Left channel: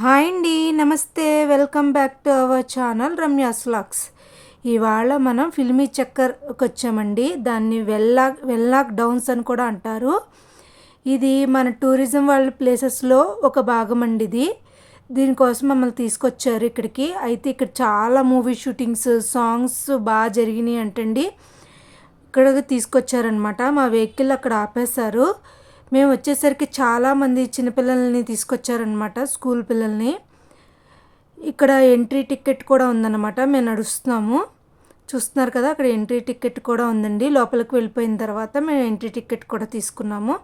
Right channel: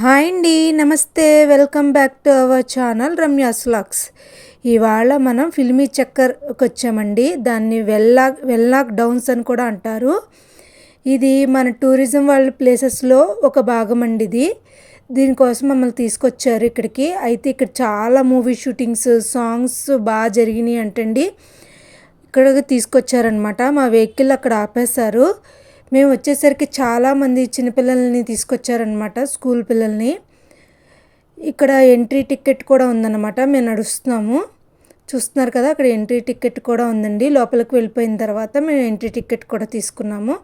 Hi అండి నమస్తే. Welcome back to our channel Ramya's vlogs ఇవాళ మనం ఫిల్మీ చక్కర్కి వచ్చామండి దాన్ని వెల్లాక్ వెల్లాక్ డౌన్స్ అని కూడా అంటారు. ఇది మన టూరిజం వాళ్ళ ప్లేసెస్లో ఒక భాగం అండి ఇది. దీనికోసం మమ్మల్ని తీసుకొచ్చారు ఇక్కడికి. అయితే ఇక్కడ చాలా మూవీ షూటింగ్స్ సాంగ్స్ బాగా జరిగినాయి అంటండి. ఇక్కడికి తీసుకొచ్చారనమాట మా వెహికల్ అక్కడ ఆపేశారు. మేము వచ్చేసరికి చాలామంది చిన్నపిల్లల్ని తీసుకొచ్చారనమాట స్కూల్ పిల్లల్ని. ఇక్కడ ఎంట్రీ టికెట్ కూడా ఉందన్నమాట మేము నడుస్తున్నాము. చూస్తున్నారు కదా అక్కడ ఎంట్రీ టికెట్ కూడా ఉందండి. లోపలికి వెళ్ళిపోయిన తర్వాత మేము ఎంట్రీ టికెట్ కూడా తీసుకున్నాము.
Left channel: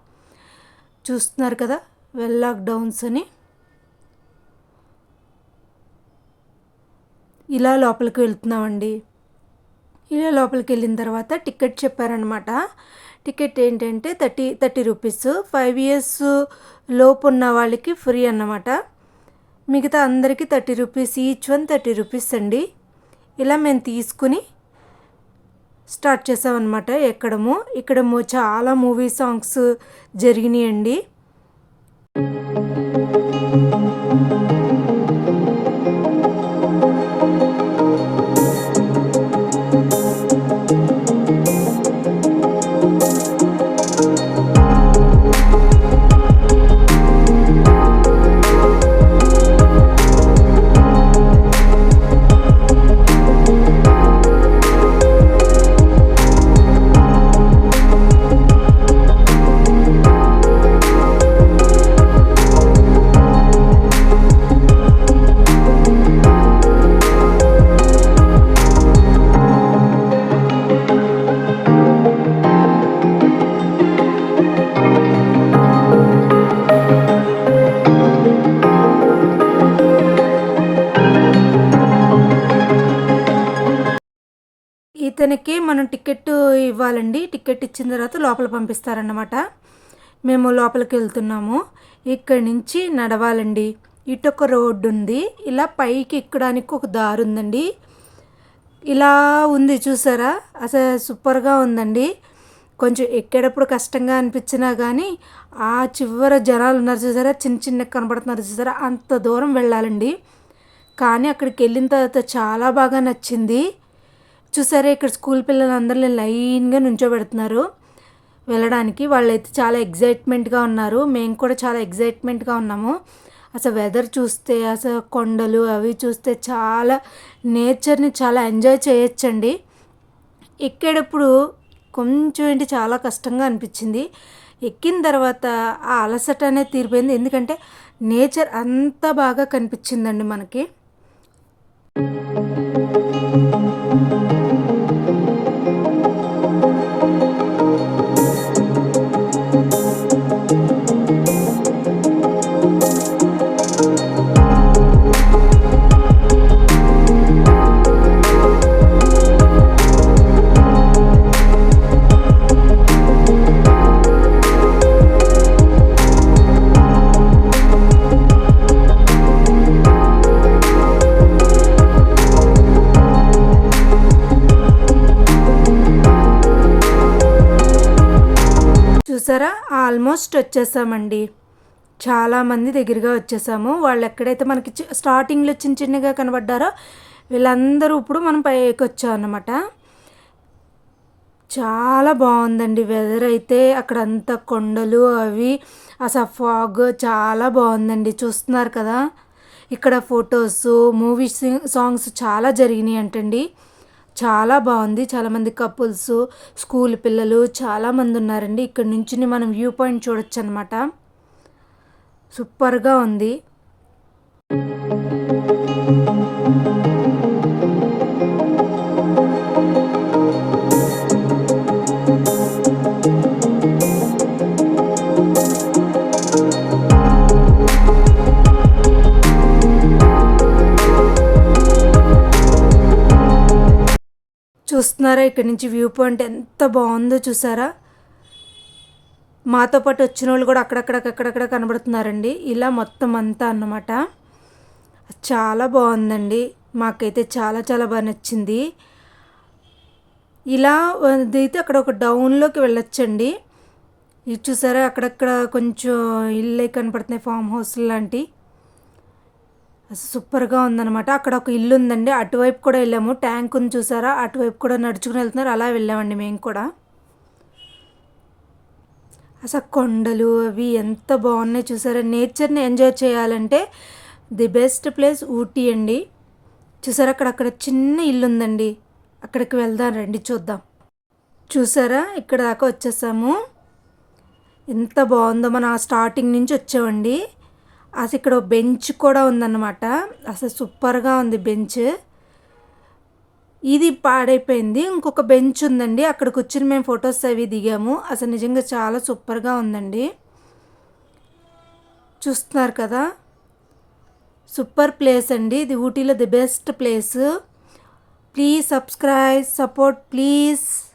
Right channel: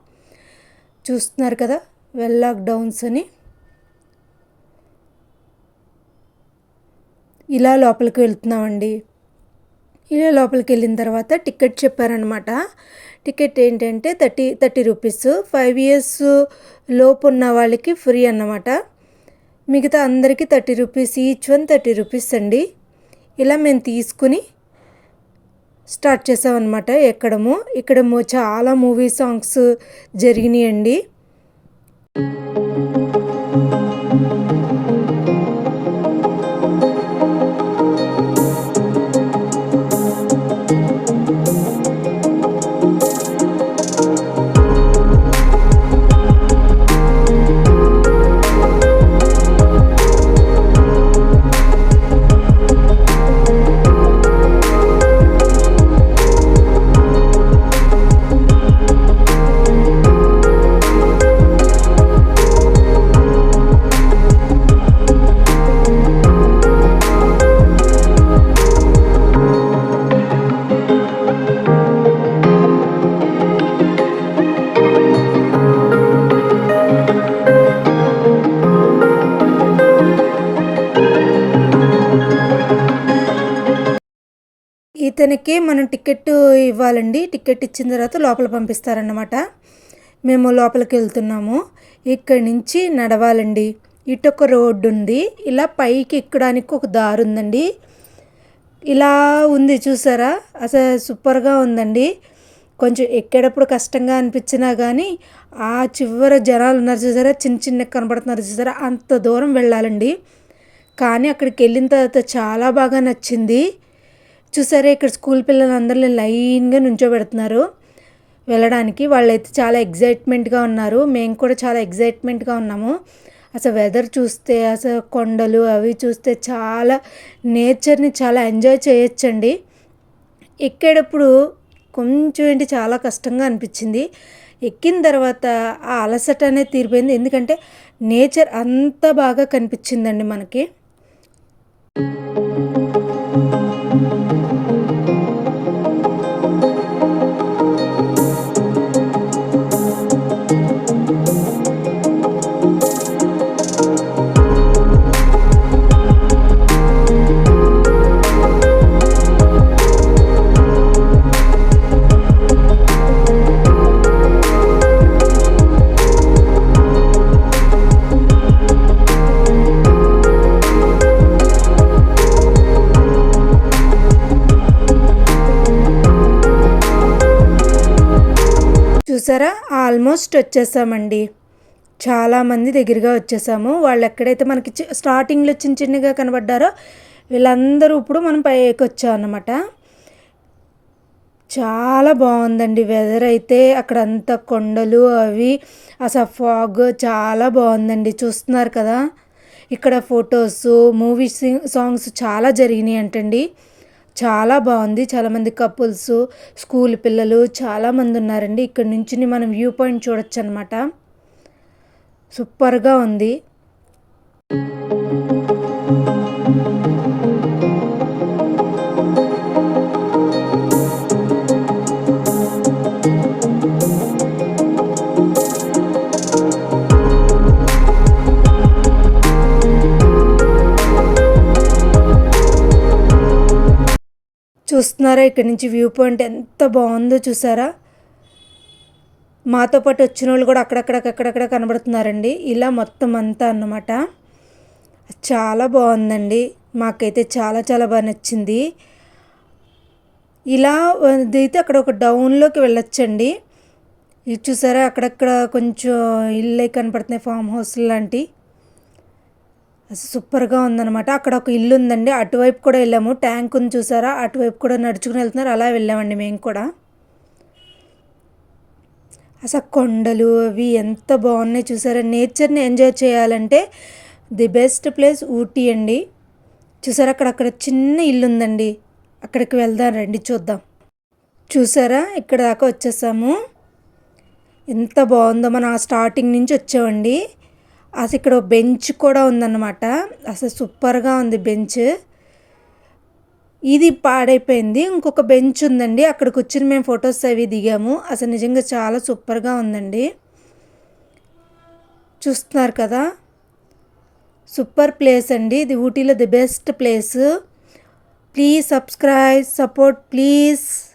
చూస్తున్నారు కదా వెల్లాక్ డౌన్స్ అని. ఇలా లోపలికి వెళ్తున్నామండి. ఇలా లోపలికి వెళ్ళిన తర్వాత టికెట్ చెప్పారనమాట టికెట్ ఏంటంటే thirty thirty rupees. Five years లోపు ఉన్న వాళ్ళకి ఫ్రీ అన్నమాట. మిగతా అందరికీ thirty rupees each one thirty rupees అండి. ఇలా మేము తీసుకుని స్టార్ట్ చేసామన్నమాట ఎక్కడము. ఇక్కడ చాలా మూవీ సాంగ్స్ జరిగినాయండి. ఇతనికి మనం టికెట్ ఇవ్వాలండి. టికెట్ ఇచ్చిన తర్వాత లోపల పంపిస్తారన్నమాట. మేము లోపలికి వెళ్తున్నాము. ఇక్కడి నుంచి నడవాలండి. ఇటు ఒక రోడ్డు ఉంది ఇలా పైకి ఎక్కడానికి ఒక దారి ఉందండి ఇలా ఉంది చూసారా? అసలు సూపర్గా ఉందండి. కొంచెం ఎక్కేటప్పుడు కష్టంగా అనిపించినా కానీ ఆ చివర జనాలు ఉన్నారు చూసారా? చిన్న చిన్న కనబడుతున్నారు చూసారా? అంత దూరం వెళ్ళాలండి. కానీ అక్కడికి వెళ్ళిన తర్వాత చాలా బాగా నచ్చింది. చూసారా ఇక్కడ స్కూల్ పిల్లలందరూ లైన్గా నుంచోబెడుతున్నారు. వెళ్ళడానికి వాళ్ళైతే చాలా ఎగ్జైట్మెంట్గా ఉన్నారు. మేము కూడా చాలా ఎగ్జైట్మెంట్గా ఉన్నాము. అసలు వెదర్ చూస్తే అసలు కొండలు అవి చూస్తే చాలా నేచర్ని చాలా ఎంజాయ్ చేయొచ్చండి. ఎక్కేటప్పుడు కొంచెం ఏంటి చాలా కష్టంగా అనిపించింది. ఎక్కిన తర్వాత ఆ అలసట అనేది తీరిపోయింది. ఎందుకంటే నేచర్ అంత బాగా కనిపించిందండి మనకి. చూసారా? ఆల్మోస్ట్ వచ్చేసామండి. చాలామంది దగ్గరగా వచ్చేసాము. వాళ్ళు ఎక్కడైతే మనకి స్టార్టింగ్లో చిన్న చిన్నగా కనబడ్డారో వీళ్ళందరూ ఇప్పుడు మనం పైకి వచ్చామన్నమాట చాలా బాగుందండి వెదర్ అయితే. అక్కడ అంతా కొండలు అవి అసలు ఫాగ్ చాలా బాగుందండి. చూస్తున్నారు కదా? ఇక్కడ ఫొటోస్ మూవీ సాంగ్స్ చాలా జరిగినాయి అంటండి చాలా బాగుంది. చాలామంది కపుల్స్ స్కూల్ పిల్లలు చాలామంది ఉన్నారండి. ఇక్కడ నుంచి మనం వ్యూ పాయింట్ చూడొచ్చు అనమాట సూపర్గా ఉంది. చూస్తున్నారా? ఇక్కడ నుంచి వ్యూ పాయింట్ ఎంత బాగుందో చూసారా? మాతో పాటు వచ్చిన వాళ్ళు కూడా అక్కడక్కడక్కడక్కడ కనబడుతున్నారండి. ఇలా మొత్తం అంతా అన్నమాట. చాలా బాగుందండి. మాకైతే చాలా చాలా బాగా నచ్చింది. ఇలా అయితే అక్కడ ఒక డౌన్లోకి వెళ్ళొచ్చండి. ఇది చూసారా? అక్కడక్కడ కొంచెం ఇల్లు కనపడుతున్నాయి ఫామ్ హౌస్ లాంటి. సూపర్గా ఉందన్నమాట. అక్కడ ఒక ఇల్లు ఉందండి. అటువైపు కూడా వెళ్ళాము. ట్యాంక్ ఉంది చూసారా? అటువైపు కూడా నడుచుకుని వెళ్తున్నారు. అలా వెళ్ళామండి మేము కూడా. అసలు కొండలు అవి ఎంత బాగున్నాయి చూసారా? నేచర్ని ఎంజాయ్ చేయాలంటే ది బెస్ట్ ప్లేస్ ఊటీ అండి. చూసారా? అక్కడ అక్కడ చిన్న ఇల్లు ఉందండి. అక్కడికి వెళ్దాం రండి చూద్దాం. చూసారా? ఇక్కడ దాకా వచ్చేసాము. ఎంత బాగుందో. మనం ఆ స్టార్టింగ్ నుంచి వచ్చామండి. అసలు ఇక్కడ బెంచ్ కూడా ఉందన్నమాట. అసలు సూపర్గా ఉంది బెంచ్. ఇది పాడైపోయింది. ఇంకొక బెంచ్ ఉందండి. అక్కడ కూర్చుని మేము ఫొటోస్ అవి దిగాము. అసలు నిజంగా చాలా సూపర్గా ఉందండి. చూస్తున్నారు కదా? సూపర్ ప్లేస్ అండి. ఇది ఊటీలో the best place. Please subscribe support please.